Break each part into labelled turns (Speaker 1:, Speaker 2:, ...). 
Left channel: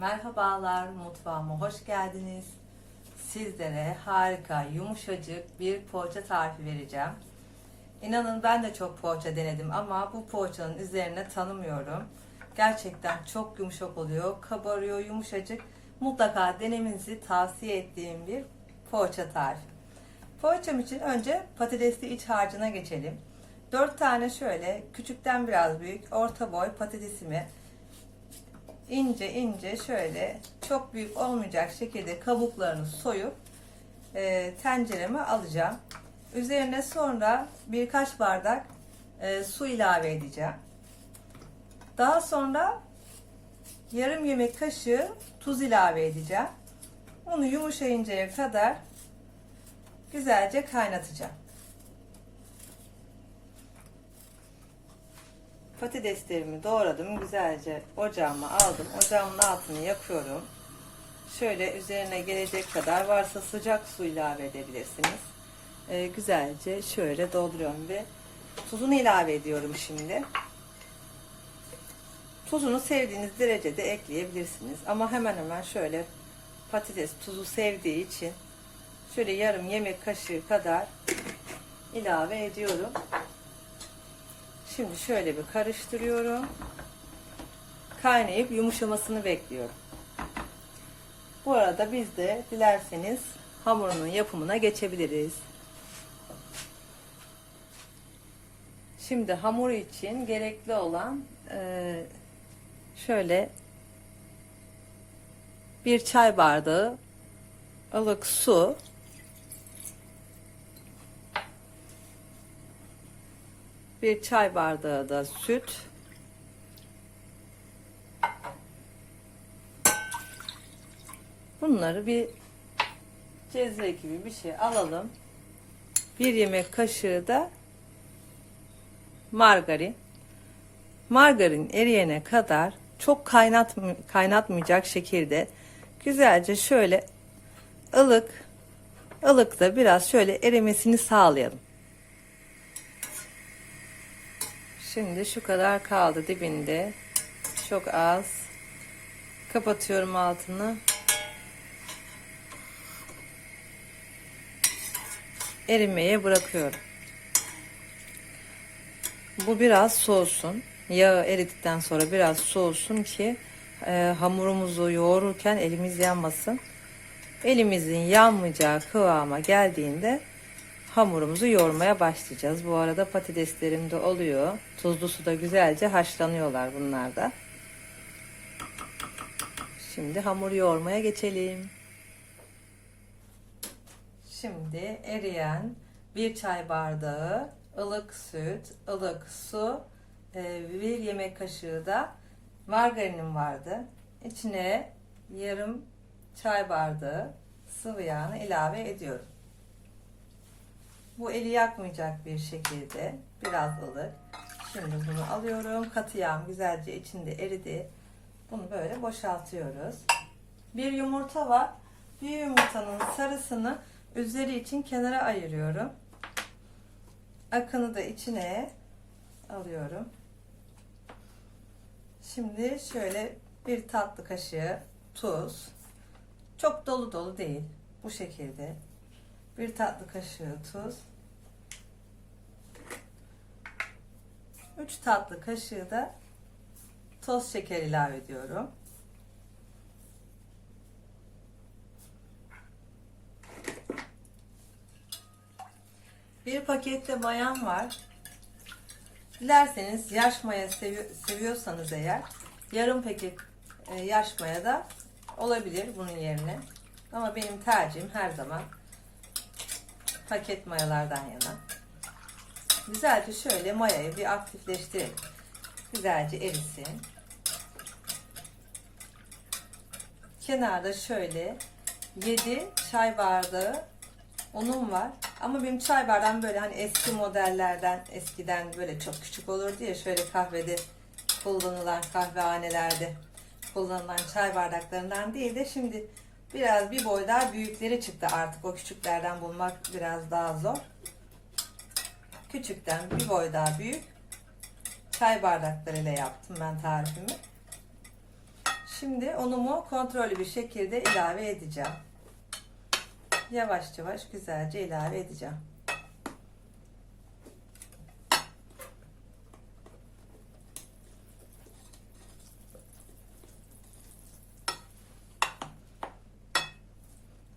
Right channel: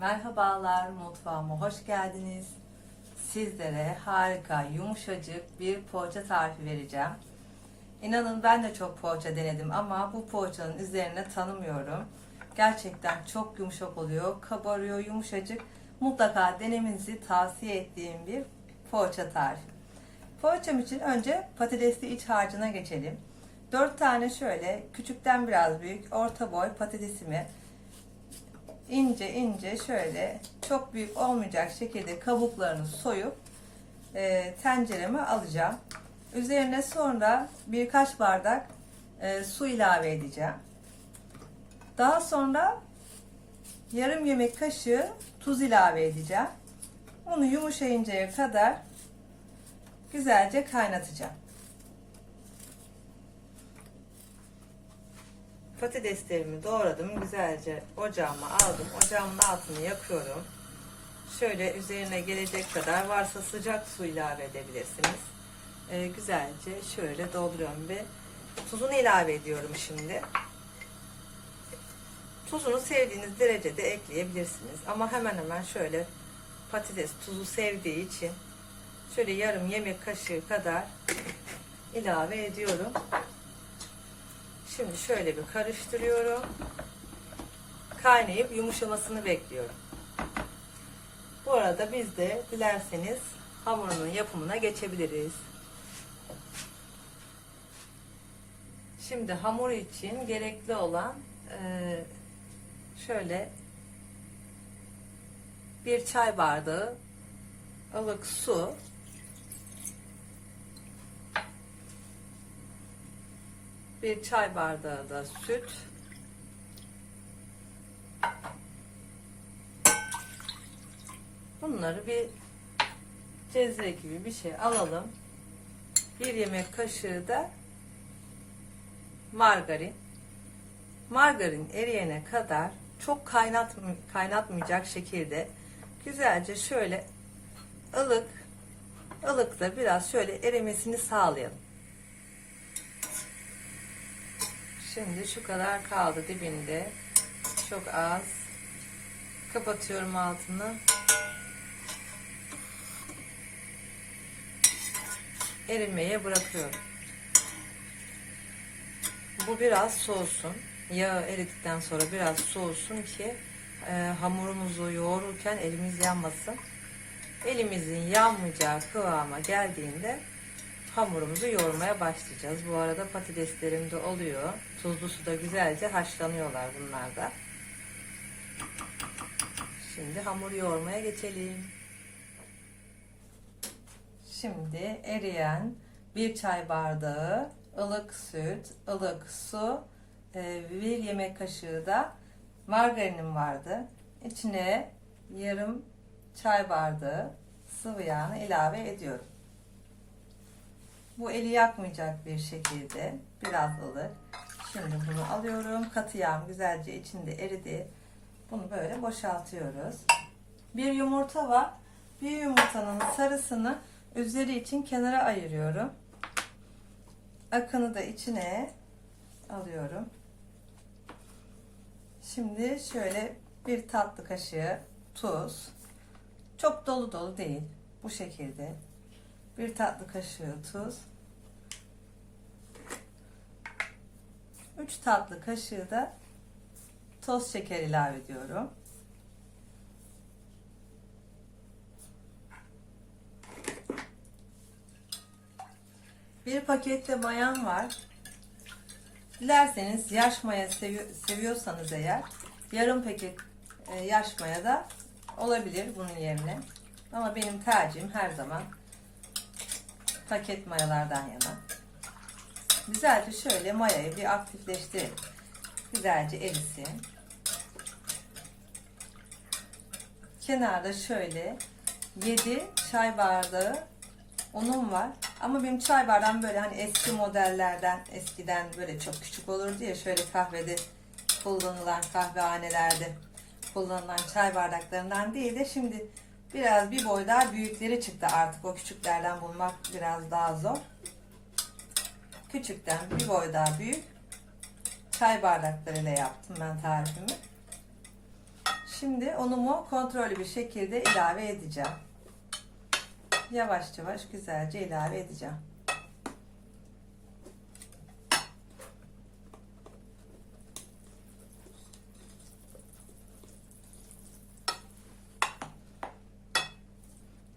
Speaker 1: Merhabalar, mutfağıma hoş geldiniz. Sizlere harika, yumuşacık bir poğaça tarifi vereceğim. İnanın ben de çok poğaça denedim ama bu poğaçanın üzerine tanımıyorum. Gerçekten çok yumuşak oluyor, kabarıyor, yumuşacık. Mutlaka denemenizi tavsiye ettiğim bir poğaça tarifi. Poğaçam için önce patatesli iç harcına geçelim. 4 tane şöyle küçükten biraz büyük orta boy patatesimi ince ince şöyle çok büyük olmayacak şekilde kabuklarını soyup e, tencereme alacağım. Üzerine sonra birkaç bardak e, su ilave edeceğim. Daha sonra yarım yemek kaşığı tuz ilave edeceğim. Onu yumuşayıncaya kadar güzelce kaynatacağım. Patateslerimi doğradım. Güzelce ocağıma aldım. Ocağımın altını yakıyorum. Şöyle üzerine gelecek kadar varsa sıcak su ilave edebilirsiniz. Ee, güzelce şöyle dolduruyorum ve tuzunu ilave ediyorum şimdi. Tuzunu sevdiğiniz derecede ekleyebilirsiniz. Ama hemen hemen şöyle patates tuzu sevdiği için şöyle yarım yemek kaşığı kadar ilave ediyorum. Şimdi şöyle bir karıştırıyorum. Kaynayıp yumuşamasını bekliyorum. Bu arada biz de dilerseniz hamurunun yapımına geçebiliriz. Şimdi hamur için gerekli olan e, şöyle bir çay bardağı ılık su bir çay bardağı da süt. Bunları bir cezve gibi bir şey alalım. Bir yemek kaşığı da margarin. Margarin eriyene kadar çok kaynat kaynatmayacak şekilde güzelce şöyle ılık ılık da biraz şöyle erimesini sağlayalım Şimdi şu kadar kaldı dibinde. Çok az. Kapatıyorum altını. Erimeye bırakıyorum. Bu biraz soğusun. Yağı eridikten sonra biraz soğusun ki e, hamurumuzu yoğururken elimiz yanmasın. Elimizin yanmayacağı kıvama geldiğinde hamurumuzu yoğurmaya başlayacağız. Bu arada patateslerim de oluyor. Tuzlu suda güzelce haşlanıyorlar bunlar da. Şimdi hamur yoğurmaya geçelim. Şimdi eriyen bir çay bardağı ılık süt, ılık su, e, bir yemek kaşığı da margarinim vardı. İçine yarım çay bardağı sıvı yağını ilave ediyorum. Bu eli yakmayacak bir şekilde biraz ılık. Şimdi bunu alıyorum. Katı yağım güzelce içinde eridi. Bunu böyle boşaltıyoruz. Bir yumurta var. Bir yumurtanın sarısını üzeri için kenara ayırıyorum. Akını da içine alıyorum. Şimdi şöyle bir tatlı kaşığı tuz. Çok dolu dolu değil. Bu şekilde. Bir tatlı kaşığı tuz. 3 tatlı kaşığı da toz şeker ilave ediyorum. Bir pakette mayan var. Dilerseniz yaş maya sevi- seviyorsanız eğer yarım paket e, yaş maya da olabilir bunun yerine. Ama benim tercihim her zaman paket mayalardan yana. Güzelce şöyle mayayı bir aktifleştirelim. Güzelce erisin. Kenarda şöyle 7 çay bardağı unum var. Ama benim çay bardağım böyle hani eski modellerden eskiden böyle çok küçük olurdu ya şöyle kahvede kullanılan kahvehanelerde kullanılan çay bardaklarından değil de şimdi biraz bir boy daha büyükleri çıktı artık o küçüklerden bulmak biraz daha zor küçükten bir boy daha büyük çay bardaklarıyla yaptım ben tarifimi. Şimdi unumu kontrollü bir şekilde ilave edeceğim. Yavaş yavaş güzelce ilave edeceğim.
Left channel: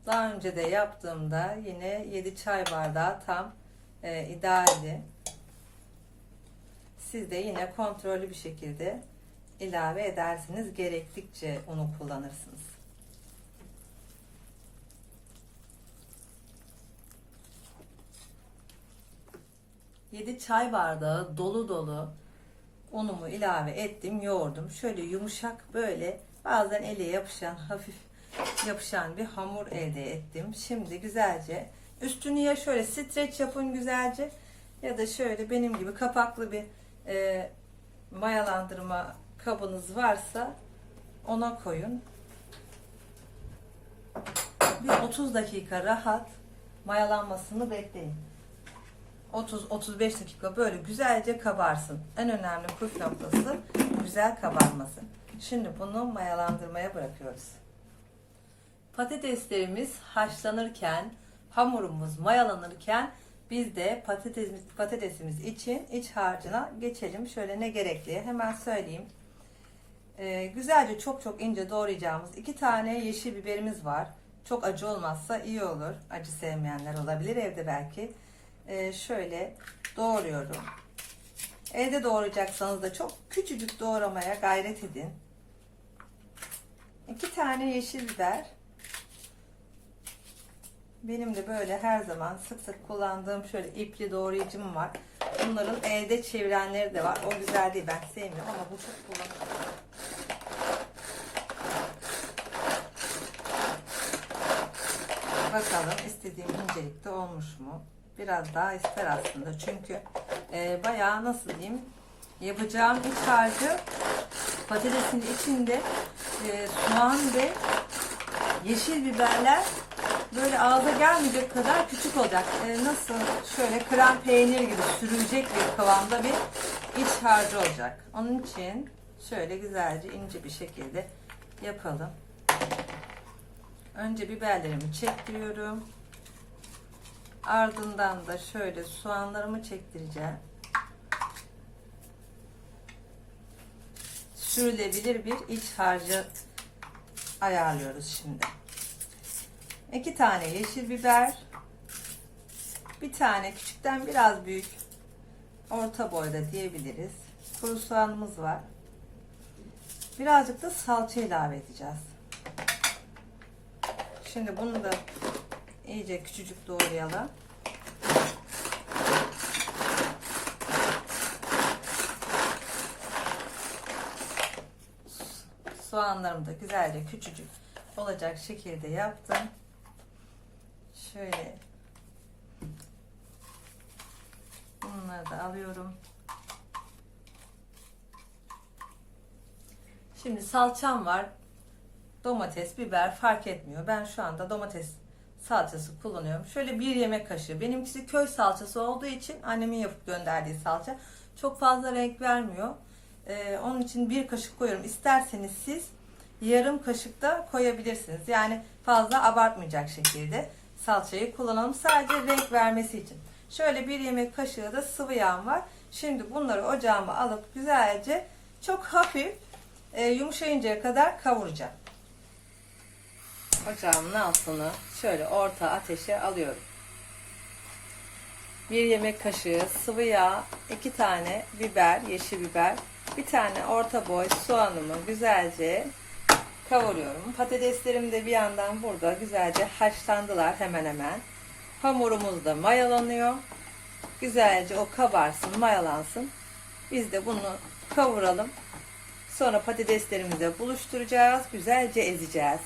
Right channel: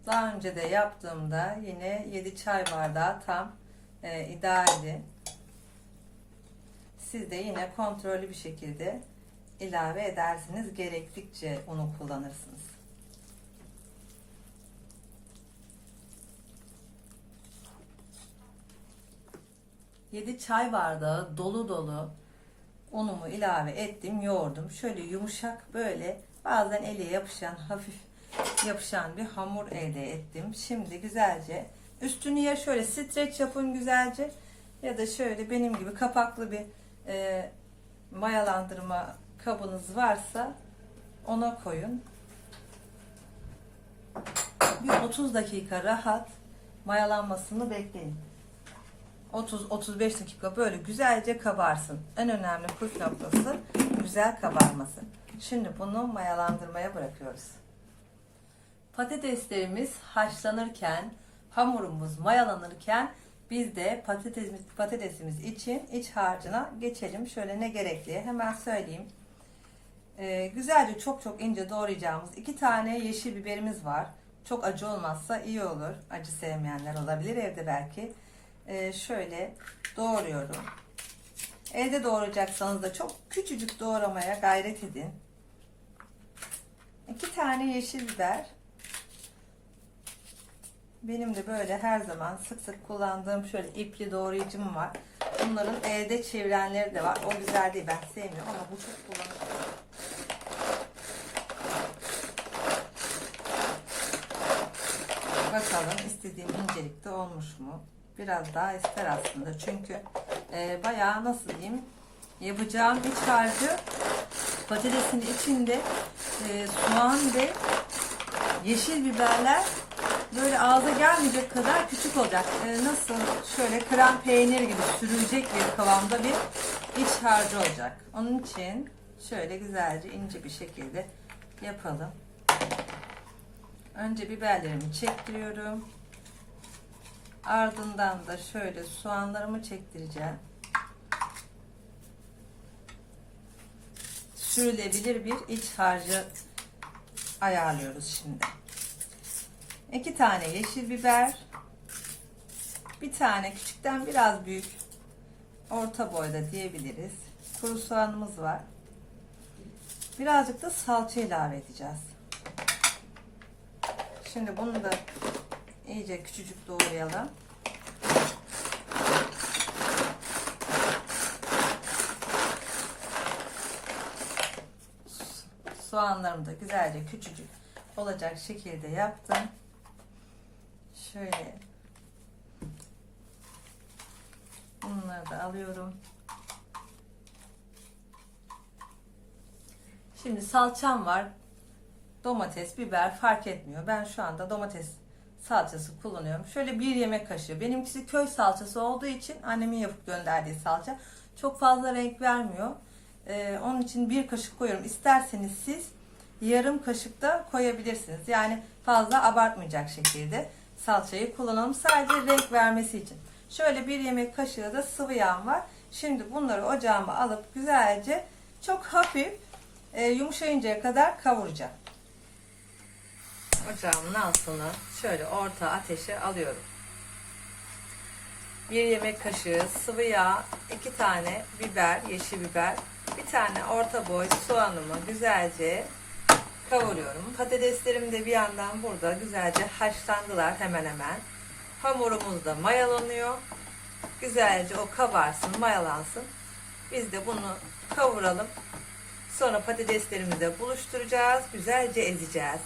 Speaker 1: Daha önce de yaptığımda yine 7 çay bardağı tam e, idealdi. Siz de yine kontrollü bir şekilde ilave edersiniz. Gerektikçe unu kullanırsınız. Yedi çay bardağı dolu dolu unumu ilave ettim, yoğurdum. Şöyle yumuşak böyle bazen ele yapışan hafif yapışan bir hamur elde ettim. Şimdi güzelce üstünü ya şöyle streç yapın güzelce ya da şöyle benim gibi kapaklı bir e, mayalandırma kabınız varsa ona koyun. Bir 30 dakika rahat mayalanmasını bekleyin. 30-35 dakika böyle güzelce kabarsın. En önemli püf noktası güzel kabarması. Şimdi bunu mayalandırmaya bırakıyoruz. Patateslerimiz haşlanırken, hamurumuz mayalanırken biz de patatesimiz, patatesimiz için iç harcına geçelim. Şöyle ne gerekli hemen söyleyeyim. Ee, güzelce çok çok ince doğrayacağımız iki tane yeşil biberimiz var. Çok acı olmazsa iyi olur. Acı sevmeyenler olabilir evde belki. Ee, şöyle doğruyorum. Evde doğrayacaksanız da çok küçücük doğramaya gayret edin. İki tane yeşil biber. Benim de böyle her zaman sık sık kullandığım şöyle ipli doğrayıcım var. Bunların elde çevirenleri de var. O güzel değil ben sevmiyorum ama bu çok kullanışlı. Bakalım istediğim incelikte olmuş mu? Biraz daha ister aslında. Çünkü e, bayağı nasıl diyeyim yapacağım iç harcı patatesin içinde e, soğan ve yeşil biberler böyle ağza gelmeyecek kadar küçük olacak. E, nasıl şöyle krem peynir gibi sürülecek bir kıvamda bir iç harcı olacak. Onun için şöyle güzelce ince bir şekilde yapalım. Önce biberlerimi çektiriyorum. Ardından da şöyle soğanlarımı çektireceğim. Sürülebilir bir iç harcı ayarlıyoruz şimdi. İki tane yeşil biber. Bir tane küçükten biraz büyük. Orta boyda diyebiliriz. Kuru soğanımız var. Birazcık da salça ilave edeceğiz. Şimdi bunu da iyice küçücük doğrayalım. Soğanlarımı da güzelce küçücük olacak şekilde yaptım. Şöyle bunları da alıyorum. Şimdi salçam var. Domates, biber fark etmiyor. Ben şu anda domates salçası kullanıyorum. Şöyle bir yemek kaşığı. Benimkisi köy salçası olduğu için annemin yapıp gönderdiği salça. Çok fazla renk vermiyor. Ee, onun için bir kaşık koyuyorum. İsterseniz siz yarım kaşık da koyabilirsiniz. Yani fazla abartmayacak şekilde salçayı kullanalım. Sadece renk vermesi için. Şöyle bir yemek kaşığı da sıvı yağım var. Şimdi bunları ocağıma alıp güzelce çok hafif e, yumuşayıncaya kadar kavuracağım. Ocağımın altını şöyle orta ateşe alıyorum. Bir yemek kaşığı sıvı yağ, iki tane biber, yeşil biber, bir tane orta boy soğanımı güzelce kavuruyorum. Patateslerim de bir yandan burada güzelce haşlandılar hemen hemen. Hamurumuz da mayalanıyor. Güzelce o kabarsın, mayalansın. Biz de bunu kavuralım. Sonra patateslerimizi de buluşturacağız. Güzelce ezeceğiz.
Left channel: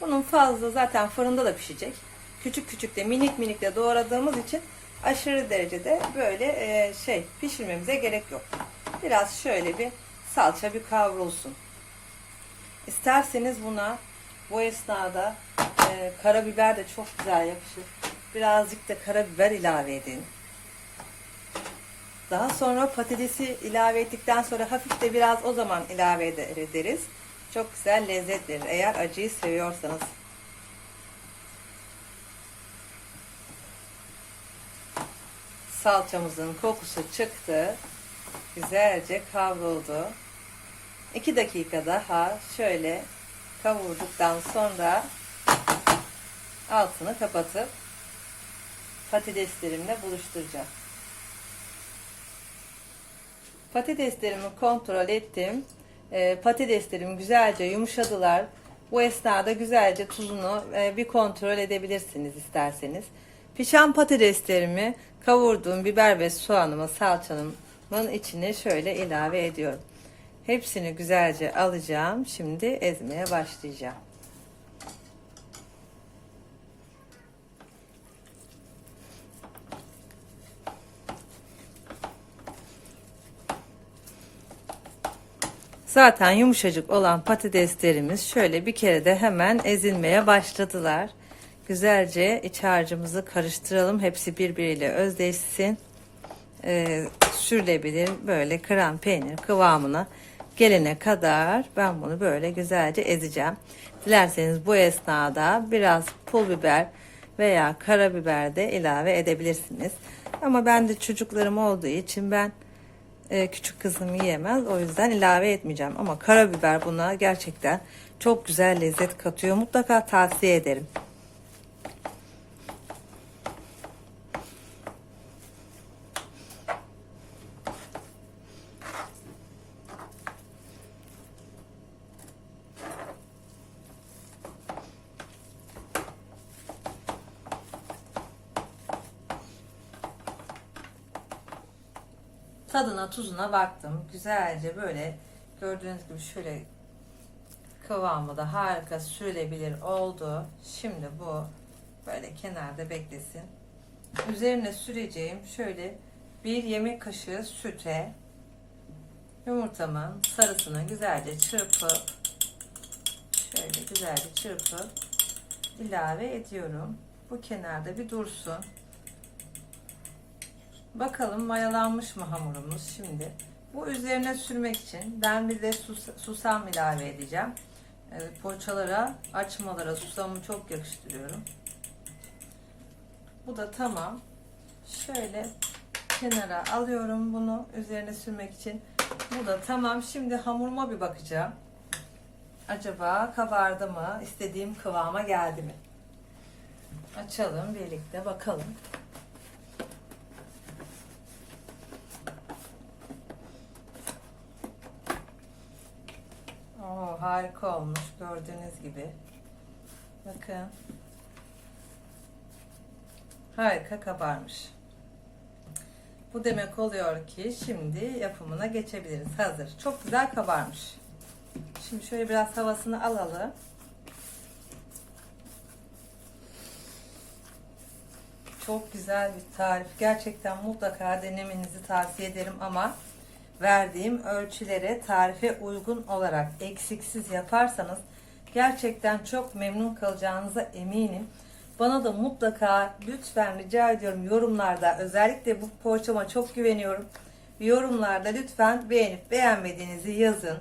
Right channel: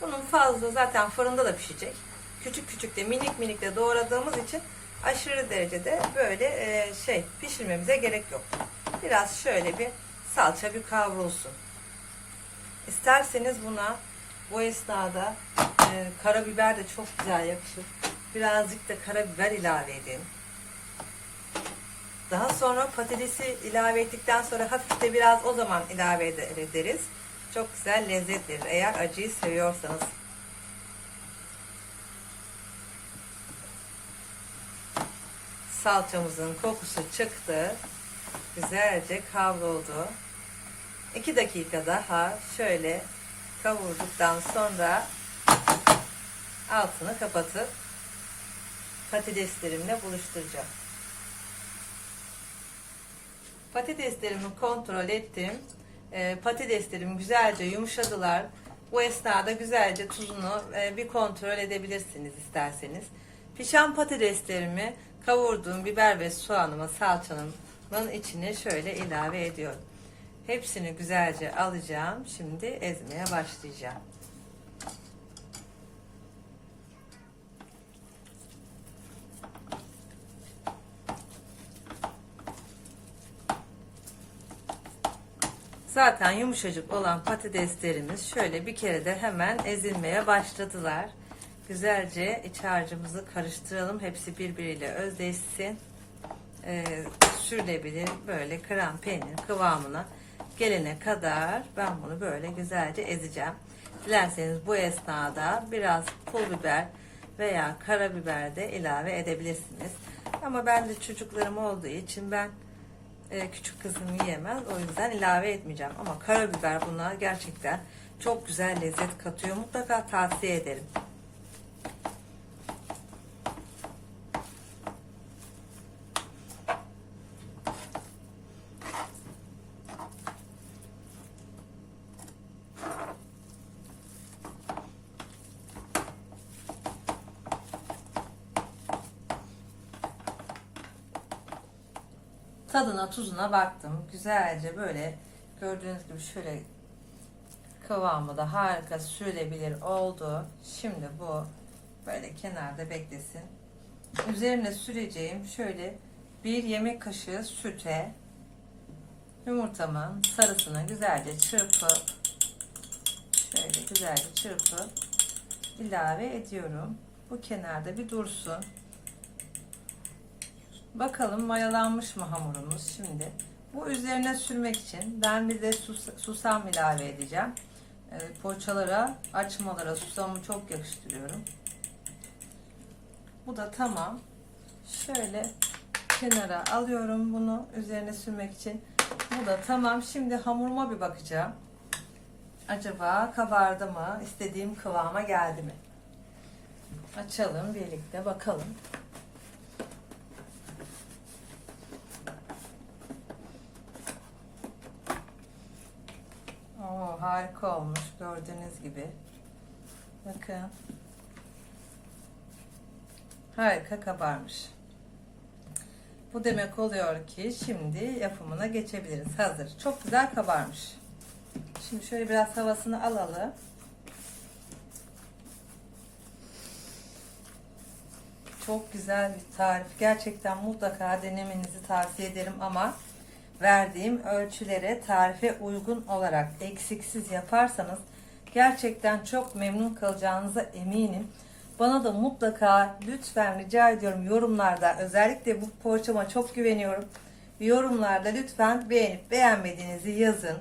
Speaker 1: Bunun fazla zaten fırında da pişecek. Küçük küçük de minik minik de doğradığımız için aşırı derecede böyle e, şey pişirmemize gerek yok. Biraz şöyle bir salça bir kavrulsun. İsterseniz buna bu esnada e, karabiber de çok güzel yakışır. Birazcık da karabiber ilave edin. Daha sonra patatesi ilave ettikten sonra hafif de biraz o zaman ilave ede- ederiz. Çok güzel lezzet verir eğer acıyı seviyorsanız. Salçamızın kokusu çıktı. Güzelce kavruldu. 2 dakika daha şöyle kavurduktan sonra altını kapatıp patateslerimle buluşturacağım. Patateslerimi kontrol ettim. Ee, patateslerim güzelce yumuşadılar. Bu esnada güzelce tuzunu e, bir kontrol edebilirsiniz isterseniz. Pişen patateslerimi kavurduğum biber ve soğanımı salçamın içine şöyle ilave ediyorum. Hepsini güzelce alacağım. Şimdi ezmeye başlayacağım. Zaten yumuşacık olan patateslerimiz şöyle bir kere de hemen ezilmeye başladılar. Güzelce iç harcımızı karıştıralım. Hepsi birbiriyle özdeşsin. Ee, sürülebilir böyle krem peynir kıvamına gelene kadar ben bunu böyle güzelce ezeceğim. Dilerseniz bu esnada biraz pul biber veya karabiber de ilave edebilirsiniz. Ama ben de çocuklarım olduğu için ben e, küçük kızım yiyemez. O yüzden ilave etmeyeceğim. Ama karabiber buna gerçekten çok güzel lezzet katıyor. Mutlaka tavsiye ederim. Tadına tuzuna baktım. Güzelce böyle gördüğünüz gibi şöyle kıvamı da harika sürülebilir oldu. Şimdi bu böyle kenarda beklesin. Üzerine süreceğim şöyle bir yemek kaşığı süte yumurtamın sarısını güzelce çırpıp şöyle güzelce çırpıp ilave ediyorum. Bu kenarda bir dursun. Bakalım mayalanmış mı hamurumuz şimdi. Bu üzerine sürmek için ben bir de sus- susam ilave edeceğim. Evet, poğaçalara, açmalara susamı çok yakıştırıyorum. Bu da tamam. Şöyle kenara alıyorum bunu üzerine sürmek için. Bu da tamam. Şimdi hamuruma bir bakacağım. Acaba kabardı mı? İstediğim kıvama geldi mi? Açalım birlikte bakalım. Oo, harika olmuş gördüğünüz gibi. Bakın. Harika kabarmış. Bu demek oluyor ki şimdi yapımına geçebiliriz. Hazır. Çok güzel kabarmış. Şimdi şöyle biraz havasını alalım. Çok güzel bir tarif. Gerçekten mutlaka denemenizi tavsiye ederim ama verdiğim ölçülere tarife uygun olarak eksiksiz yaparsanız gerçekten çok memnun kalacağınıza eminim. Bana da mutlaka lütfen rica ediyorum yorumlarda özellikle bu poğaçama çok güveniyorum. Yorumlarda lütfen beğenip beğenmediğinizi yazın.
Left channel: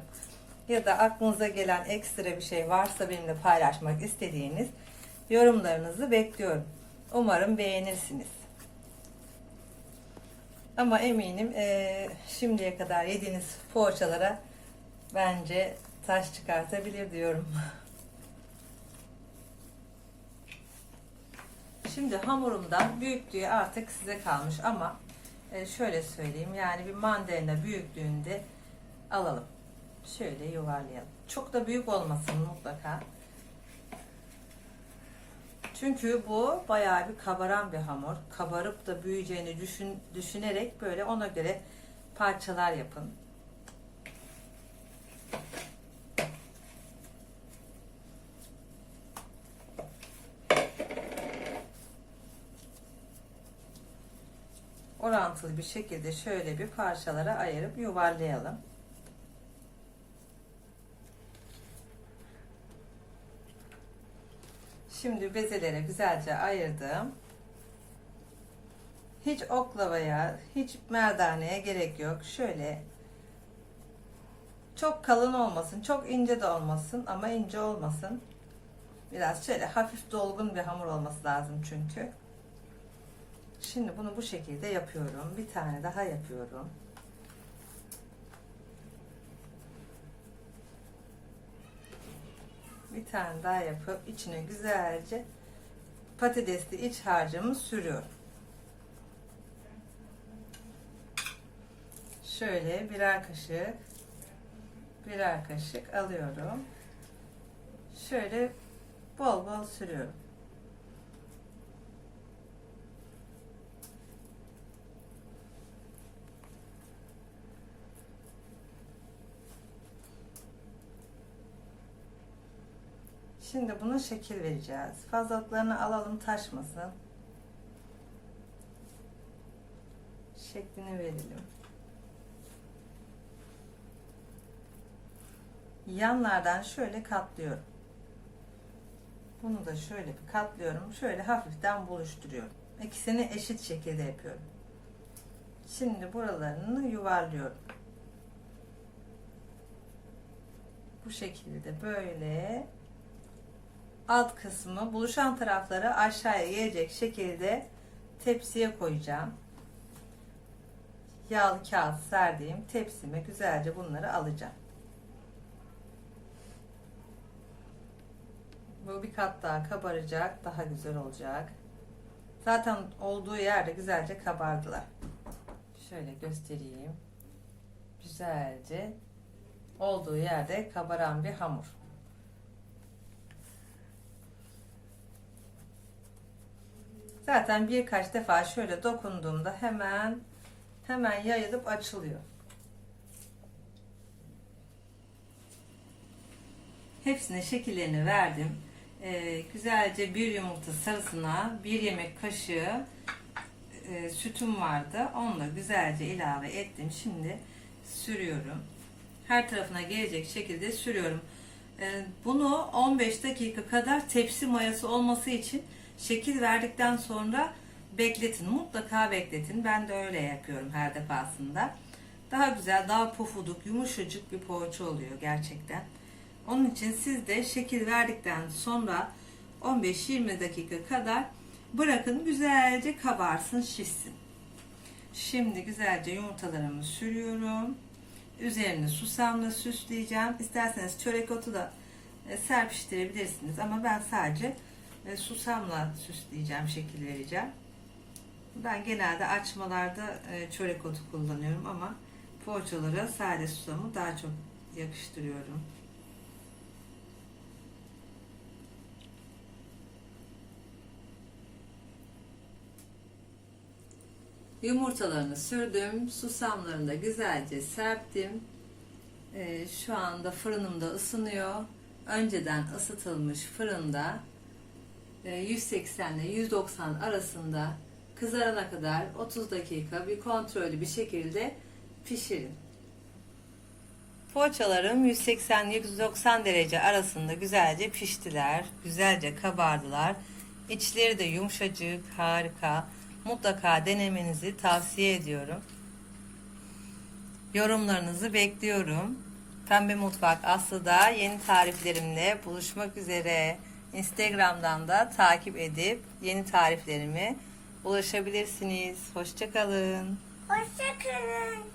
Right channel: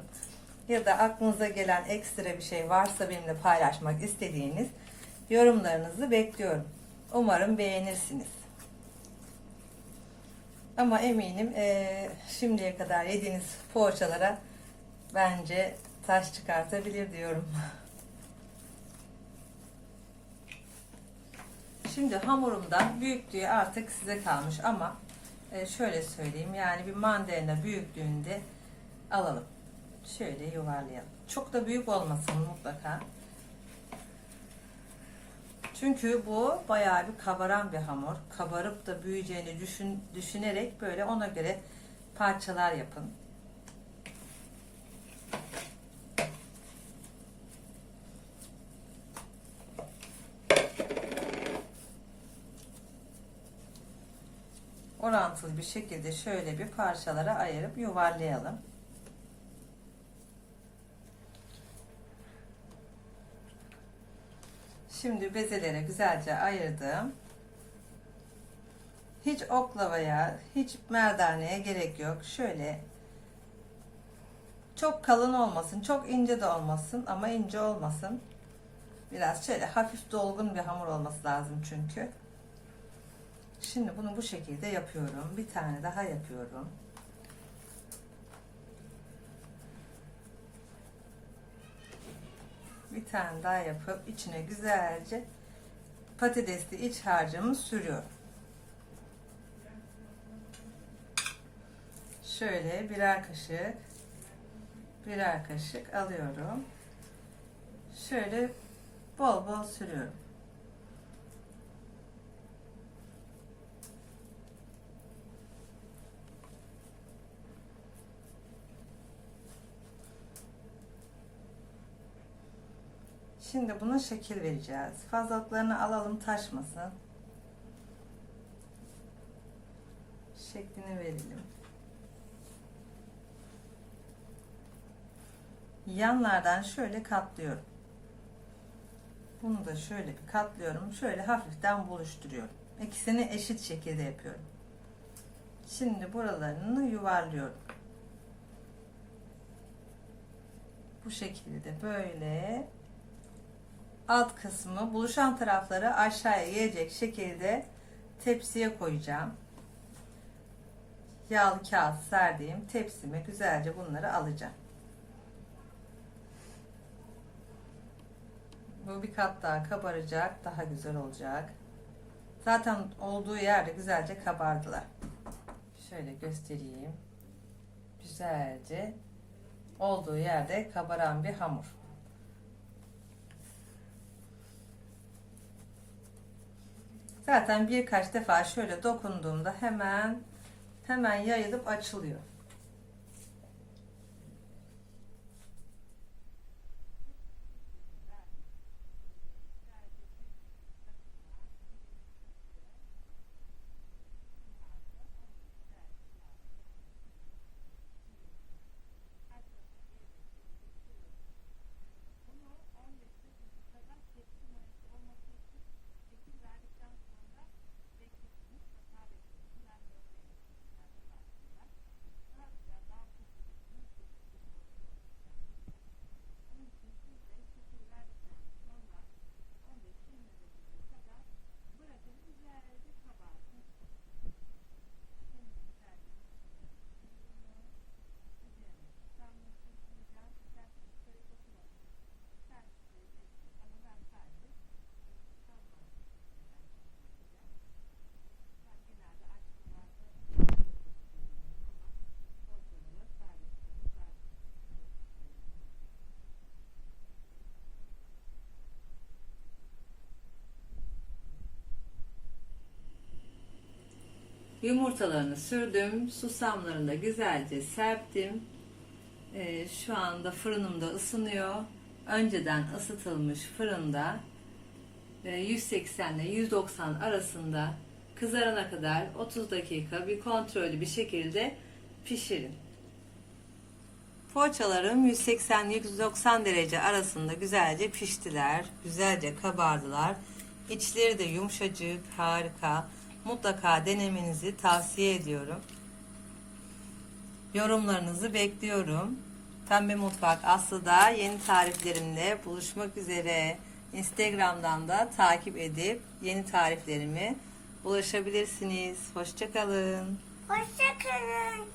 Speaker 1: Ya da aklınıza gelen ekstra bir şey varsa benimle paylaşmak istediğiniz yorumlarınızı bekliyorum. Umarım beğenirsiniz. Ama eminim eee, şimdiye kadar yediğiniz poğaçalara bence taş çıkartabilir diyorum. Şimdi hamurumdan büyüklüğü artık size kalmış ama e, şöyle söyleyeyim yani bir mandalina büyüklüğünde alalım. Şöyle yuvarlayalım. Çok da büyük olmasın mutlaka. Çünkü bu bayağı bir kabaran bir hamur. Kabarıp da büyüyeceğini düşün, düşünerek böyle ona göre parçalar yapın. Orantılı bir şekilde şöyle bir parçalara ayırıp yuvarlayalım. Şimdi bezelere güzelce ayırdım. Hiç oklavaya, hiç merdaneye gerek yok. Şöyle çok kalın olmasın, çok ince de olmasın ama ince olmasın. Biraz şöyle hafif dolgun bir hamur olması lazım çünkü. Şimdi bunu bu şekilde yapıyorum. Bir tane daha yapıyorum. Bir tane daha yapıp içine güzelce patatesli iç harcımı sürüyorum. Şöyle birer kaşık birer kaşık alıyorum. Şöyle bol bol sürüyorum. Şimdi bunun şekil vereceğiz. Fazlalıklarını alalım taşmasın. Şeklini verelim. Yanlardan şöyle katlıyorum. Bunu da şöyle bir katlıyorum. Şöyle hafiften buluşturuyorum. İkisini eşit şekilde yapıyorum. Şimdi buralarını yuvarlıyorum. Bu şekilde böyle alt kısmı buluşan tarafları aşağıya gelecek şekilde tepsiye koyacağım. Yağlı kağıt serdiğim tepsime güzelce bunları alacağım. Bu bir kat daha kabaracak, daha güzel olacak. Zaten olduğu yerde güzelce kabardılar. Şöyle göstereyim. Güzelce olduğu yerde kabaran bir hamur. Zaten birkaç defa şöyle dokunduğumda hemen hemen yayılıp açılıyor. Hepsine şekillerini verdim. Ee, güzelce bir yumurta sarısına bir yemek kaşığı e, sütüm vardı. Onu da güzelce ilave ettim. Şimdi sürüyorum. Her tarafına gelecek şekilde sürüyorum. Ee, bunu 15 dakika kadar tepsi mayası olması için şekil verdikten sonra bekletin. Mutlaka bekletin. Ben de öyle yapıyorum her defasında. Daha güzel, daha pofuduk, yumuşacık bir poğaça oluyor gerçekten. Onun için siz de şekil verdikten sonra 15-20 dakika kadar bırakın güzelce kabarsın, şişsin. Şimdi güzelce yumurtalarımı sürüyorum. Üzerini susamla süsleyeceğim. İsterseniz çörek otu da e, serpiştirebilirsiniz ama ben sadece e, susamla süsleyeceğim, şekil vereceğim. Ben genelde açmalarda e, çörek otu kullanıyorum ama poğaçalara sade susamı daha çok yakıştırıyorum. Yumurtalarını sürdüm. Susamlarını da güzelce serptim. Ee, şu anda fırınımda ısınıyor. Önceden ısıtılmış fırında e, 180 ile 190 arasında kızarana kadar 30 dakika bir kontrollü bir şekilde pişirin. Poğaçalarım 180-190 derece arasında güzelce piştiler. Güzelce kabardılar. İçleri de yumuşacık, harika. Mutlaka denemenizi tavsiye ediyorum. Yorumlarınızı bekliyorum. Pembe Mutfak Aslı'da yeni tariflerimle buluşmak üzere. Instagram'dan da takip edip yeni tariflerime ulaşabilirsiniz. Hoşçakalın.
Speaker 2: Hoşçakalın.